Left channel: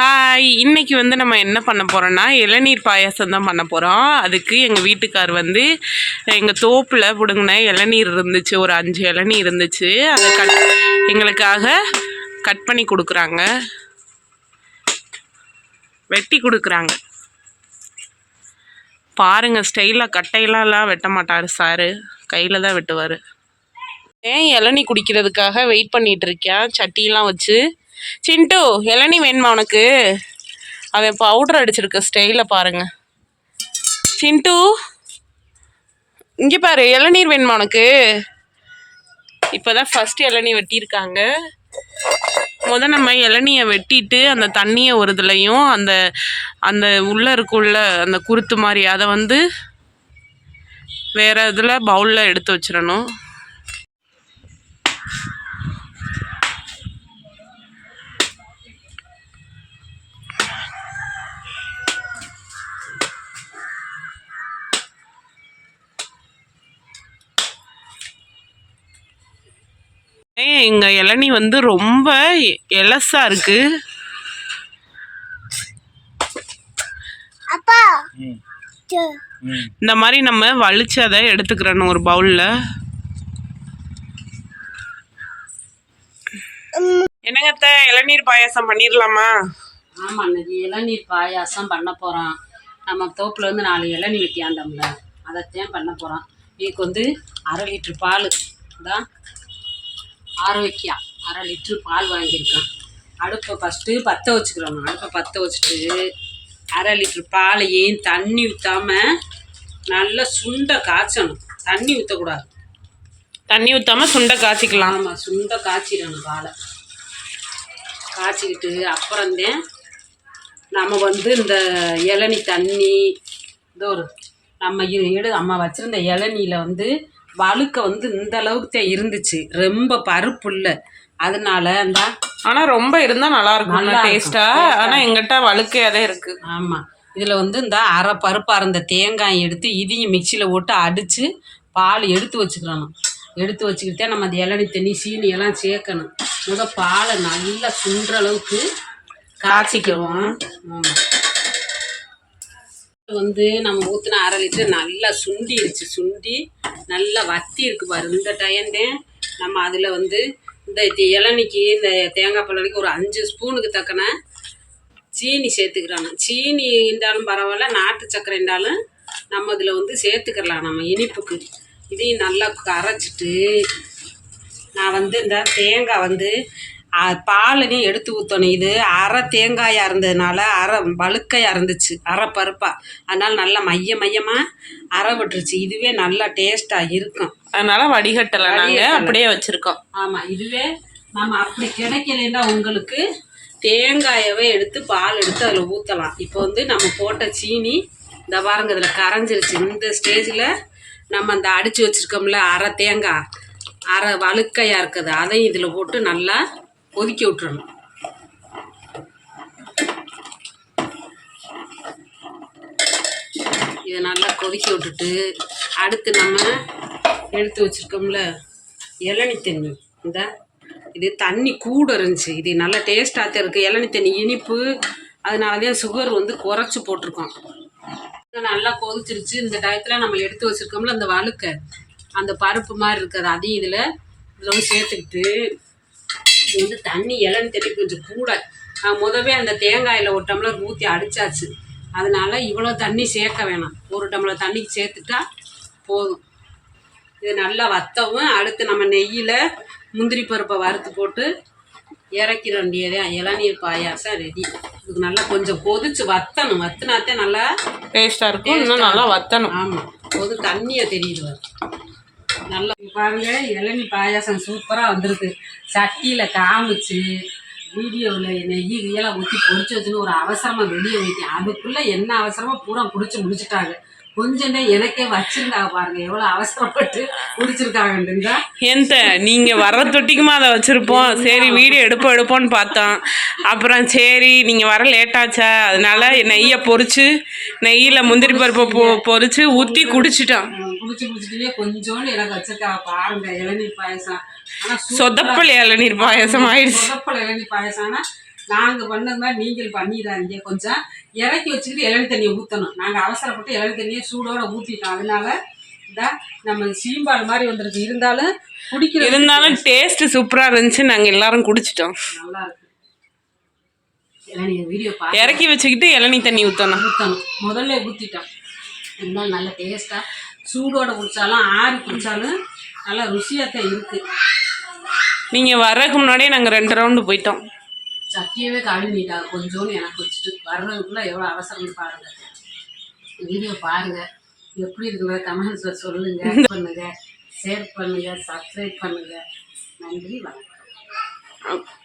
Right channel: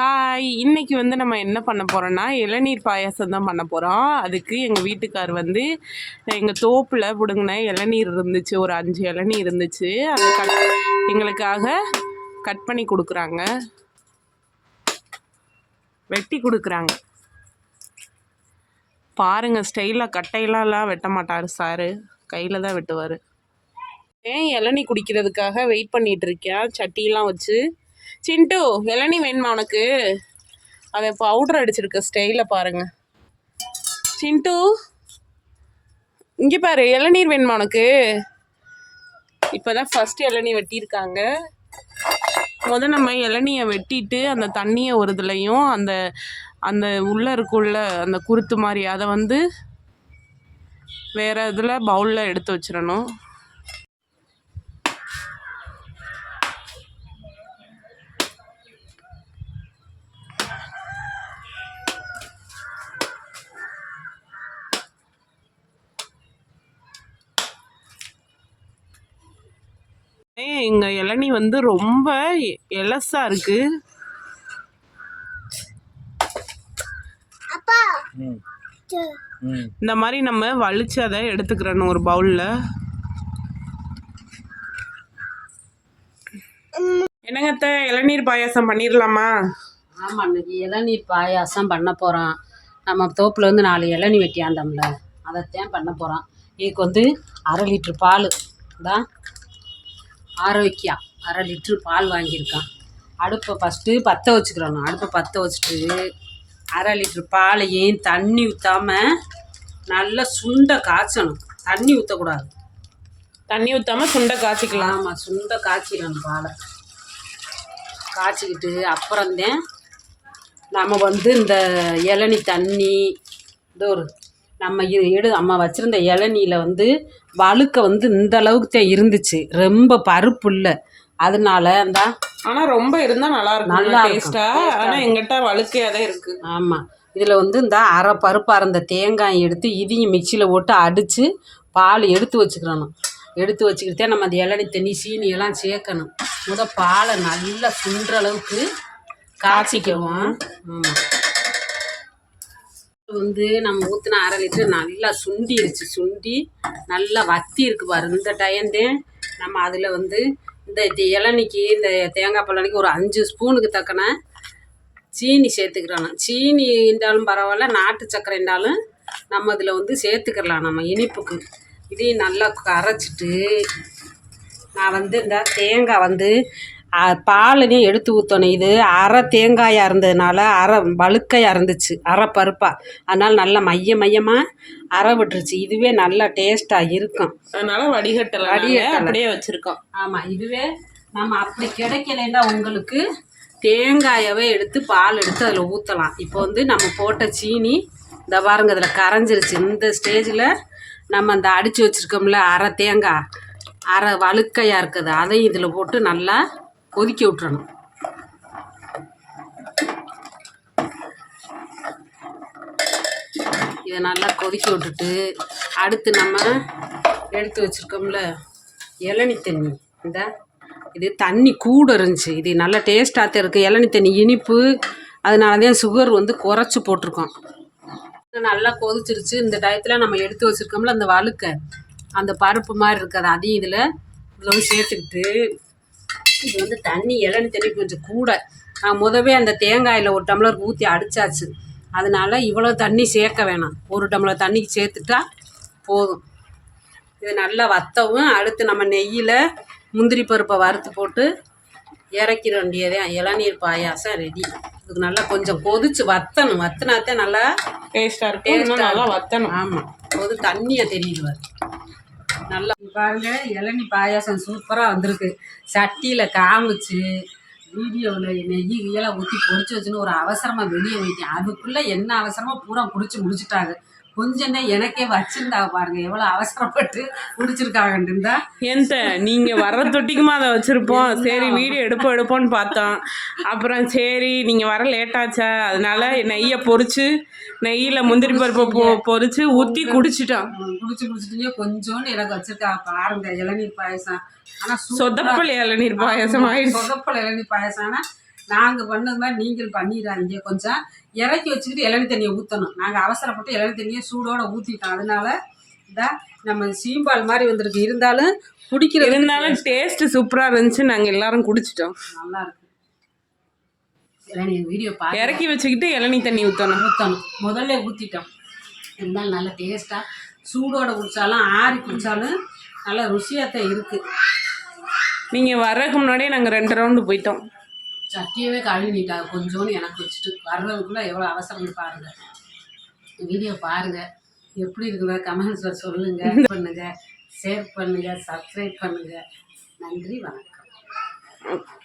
Hi இன்னைக்கு வந்து நம்ம என்ன பண்ண போகிறோன்னா இளநீர் பாயாசம் தான் பண்ண போகிறோம் அதுக்கு எங்கள் வீட்டுக்கார் வந்து எங்கள் தோப்பில் பிடுங்கின இளநீர் இருந்துச்சு. ஒரு அஞ்சு இளநீர் இருந்துச்சு. அதை கட் எங்களுக்காக கட் பண்ணி கொடுக்குறாங்க. வெட்டி கொடுக்குறாங்க. பாருங்கள் ஸ்டைலாக கட்டையெல்லாம் வெட்ட மாட்டார் சாரு. கையில் தான் வெட்டுவார். ஏன் இளநீ குடிக்கிறதுக்காக வெயிட் பண்ணிகிட்ருக்கேன் சட்டியெலாம் வச்சு சிண்டு இளநீ வேணுமா உனக்கு? அவன் பவுடர் அடிச்சிருக்க ஸ்டைலில் பாருங்க. சிண்டு இங்கே பாரு இளநீர் வேணுமா உனக்கு? இப்போ தான் ஃபஸ்ட்டு இளநீர் வெட்டியிருக்காங்க. முத நம்ம இளநியை வெட்டிட்டு அந்த தண்ணியை ஒரு இதுலையும் அந்த அந்த உள்ளே இருக்குள்ள அந்த குருத்து மாதிரி அதை வந்து வேறு இதில் பவுலில் எடுத்து வச்சிடணும். ஏய், எங்க இளநீ வந்து ரொம்ப எலசா இருக்கு. அப்பா. ம். து- ம். இந்த மாதிரி நம்ம வலிச்சு அதை எடுத்துக்கிறணும் ஒரு பவுல்ல. என்னங்க அத்தை, இளநீர் பாயாசம் பண்ணிடலாமா ஆமாம் இன்னைக்கு இளநீர் பாயாசம் பண்ண போகிறோம் நம்ம தோப்பில் வந்து நாலு இளநீ வெட்டியாந்தோம்ல அதைத்தான் பண்ண போகிறோம் இதுக்கு வந்து அரை லிட்ரு பால் தான் ஆரோக்கியா. அரை லிட்ரு பால் வாங்கியிருக்கேன். அடுப்பை ஃபஸ்ட்டு பற்ற வச்சுக்கிறோம். அடுப்பை பற்ற வச்சுட்டு அரை லிட்ரு பாலையும் தண்ணி ஊற்றாம நல்லா சுண்ட காய்ச்சணும். தண்ணி ஊற்றக்கூடாது தண்ணி ஊத்தாம சுண்டை காய்ச்சிக்கலாம். ஆமாம் சுண்ட காய்ச்சிடணும் பாலை. காய்ச்சிக்கிட்டு அப்புறம்தான் நம்ம வந்து இந்த இளநி தண்ணி இதோ ஒரு நம்ம எடு அம்மா வச்சுருந்த இளநியில் வந்து வழுக்க வந்து இந்த அளவுக்கு தான் இருந்துச்சு. ரொம்ப பருப்பு இல்லை அதனால அந்த ஆனா ரொம்ப இருந்தா நல்லா இருக்கும் நல்லா இருக்கும். டேஸ்டா ஆனா எங்கிட்ட வழுக்கையாதான் இருக்கு. ஆமாம் இதில் வந்து இந்த அரை பருப்பாக இருந்த தேங்காய் எடுத்து இதையும் மிக்சியில் போட்டு அடித்து பால் எடுத்து வச்சுக்கிறணும் எடுத்து வச்சுக்கிட்டே நம்ம அந்த இளநி தண்ணி சீனி எல்லாம் சேர்க்கணும். முத பாலை நல்லா சுண்டுற அளவுக்கு காய்ச்சிக்குவோம் ஆமாம் வந்து நம்ம ஊற்றின அரை லிட்டர் நல்லா சுண்டிடுச்சு சுண்டி நல்லா வத்தி இருக்கு பாரு இந்த டயந்தே நம்ம அதில் வந்து இந்த இது இளநிக்கு இந்த தேங்காய் பழனிக்கு ஒரு அஞ்சு ஸ்பூனுக்கு தக்கன சீனி சேர்த்துக்கிறோம். சீனி இருந்தாலும் பரவாயில்ல நாட்டு சக்கரை இருந்தாலும் நம்ம இதில் வந்து சேர்த்துக்கலாம் நம்ம இனிப்புக்கு. இதையும் நல்லா கரைச்சிட்டு நான் வந்து இந்த தேங்காய் வந்து பாலையும் எடுத்து ஊற்றணும் இது அரை தேங்காயாக இருந்ததுனால அரை வழுக்கையாக இருந்துச்சு அரை பருப்பாக அதனால் நல்லா மைய மையமாக அரை விட்டுருச்சு. இதுவே நல்லா டேஸ்ட்டாக இருக்கும். அதனால வடிகட்டல. அப்படியே வச்சிருக்கோம். ஆமாம் இதுவே நம்ம அப்படி கிடைக்கலைன்னா உங்களுக்கு தேங்காயவே எடுத்து பால் எடுத்து அதில் ஊற்றலாம் இப்போ வந்து நம்ம போட்ட சீனி இந்த பாருங்க அதில் கரைஞ்சிருச்சு. இந்த ஸ்டேஜில் நம்ம அந்த அடித்து வச்சுருக்கோம்ல அரை தேங்காய். அரை வழுக்கையாக இருக்குது. அதையும் இதில் போட்டு நல்லா கொதிக்க விட்டுறணும். இதை நல்லா கொதிக்க விட்டுட்டு அடுத்து நம்ம எடுத்து வச்சுருக்கோம்ல இளநி தண்ணி. இந்த இது தண்ணி கூட இருந்துச்சு. இது நல்ல டேஸ்ட்டாக தான் இருக்குது இளநி தண்ணி இனிப்பு. அதனால தான் சுகர் வந்து குறைச்சி போட்டிருக்கோம். நல்லா கொதிச்சிருச்சு. இந்த டயத்தில் நம்ம எடுத்து வச்சுருக்கோம்ல அந்த வழுக்க அந்த பருப்பு மாதிரி இருக்காது அதையும் இதில் இதில் வந்து சேர்த்துக்கிட்டு இது வந்து தண்ணி இளநி தண்ணி கொஞ்சம் கூட. நான் முதவே அந்த தேங்காயில் ஒரு டம்ளர் ஊற்றி அடிச்சாச்சு. அதனால இவ்வளோ தண்ணி சேர்க்க வேணாம். ஒரு டம்ளர் தண்ணிக்கு சேர்த்துட்டா போதும். இது நல்லா வத்தவும் அடுத்து நம்ம நெய்யில் முந்திரி பருப்பை வறுத்து போட்டு இறக்கிற வேண்டியதே. இளநீர் பாயாசம் ரெடி இதுக்கு நல்லா கொஞ்சம் கொதிச்சு வத்தணும். வத்தினாத்தே நல்லா டேஸ்டா இருக்கும். இன்னும் நல்லா வத்தணும். ஆமாம் கொது தண்ணியை தெரியுது பாருங்கள் இளநி பாருங்க பாயாசம் சூப்பராக வந்திருக்கு. சட்டியில் காமிச்சு வீடியோவில் நெய் கியெல்லாம் ஊற்றி பொடிச்சு வச்சுன்னு ஒரு அவசரமாக வெளியே வைக்கேன் அதுக்குள்ளே என்ன அவசரமாக பூரா குடிச்சு முடிச்சிட்டாங்க. கொஞ்சம் எனக்கே வச்சிருந்தாங்க பாருங்க எவ்வளோ அவசரப்பட்டு குடிச்சிருக்காங்கன்றா எந்த நீங்க வர்ற தொட்டிக்குமா அதை வச்சிருப்போம். சரி வீடியோ எடுப்போம் எடுப்போம்னு பார்த்தோம். அப்புறம் சரி நீங்க வர லேட்டாச்சா அதனால நெய்யை பொறிச்சு நெய்யில முந்திரி பருப்பை பொ பொரிச்சு ஊற்றி குடிச்சிட்டோம். குடிச்சு குடிச்சிட்டே கொஞ்சோண்டு எனக்கு வச்சிருக்காங்க. பாருங்க இளநீர் பாயசம். ஆனால் சொதப்பல் இளநீர் பாயாசம் ஆயிடுச்சு. சொதப்பல் இளநீர் பாயசம். ஆனால் நாங்கள் பண்ணது மாதிரி நீங்கள் பண்ணிடாதீங்க. கொஞ்சம் இறக்கி வச்சுக்கிட்டு இளநி தண்ணியை ஊற்றணும் நாங்கள் அவசரப்பட்டு இளநி தண்ணியை சூடோட ஊற்றிட்டோம் அதனால இந்த நம்ம சீம்பால் மாதிரி வந்திருக்கு. இருந்தாலும் குடிக்கிற இருந்தாலும் டேஸ்ட் சூப்பரா இருந்துச்சு. நாங்க எல்லாரும் குடிச்சிட்டோம். நல்லா இருக்கு. வீடியோ இறக்கி வச்சுக்கிட்டு இளநீ தண்ணி ஊற்றணும் ஊற்றணும் முதல்ல ஊற்றிட்டோம் இருந்தாலும் நல்ல டேஸ்ட்டாக சூடோட குடித்தாலும் ஆறி குடித்தாலும் நல்லா ருசியாக தான் இருக்குது நீங்க வர்றதுக்கு முன்னாடியே நாங்க ரெண்டு ரவுண்டு போயிட்டோம். சட்டியவே கழுவிட்டாங்க கொஞ்சோண்டு எனக்கு வச்சுட்டு வர்றதுக்குள்ளே எவ்வளோ அவசரம்னு பாருங்கள் வீடியோ பாருங்கள் எப்படி இருக்குங்க கமெண்ட்ஸில் சொல்லுங்கள் பண்ணுங்கள் ஷேர் பண்ணுங்கள் சப்ஸ்கிரைப் பண்ணுங்கள் நன்றி வணக்கம்.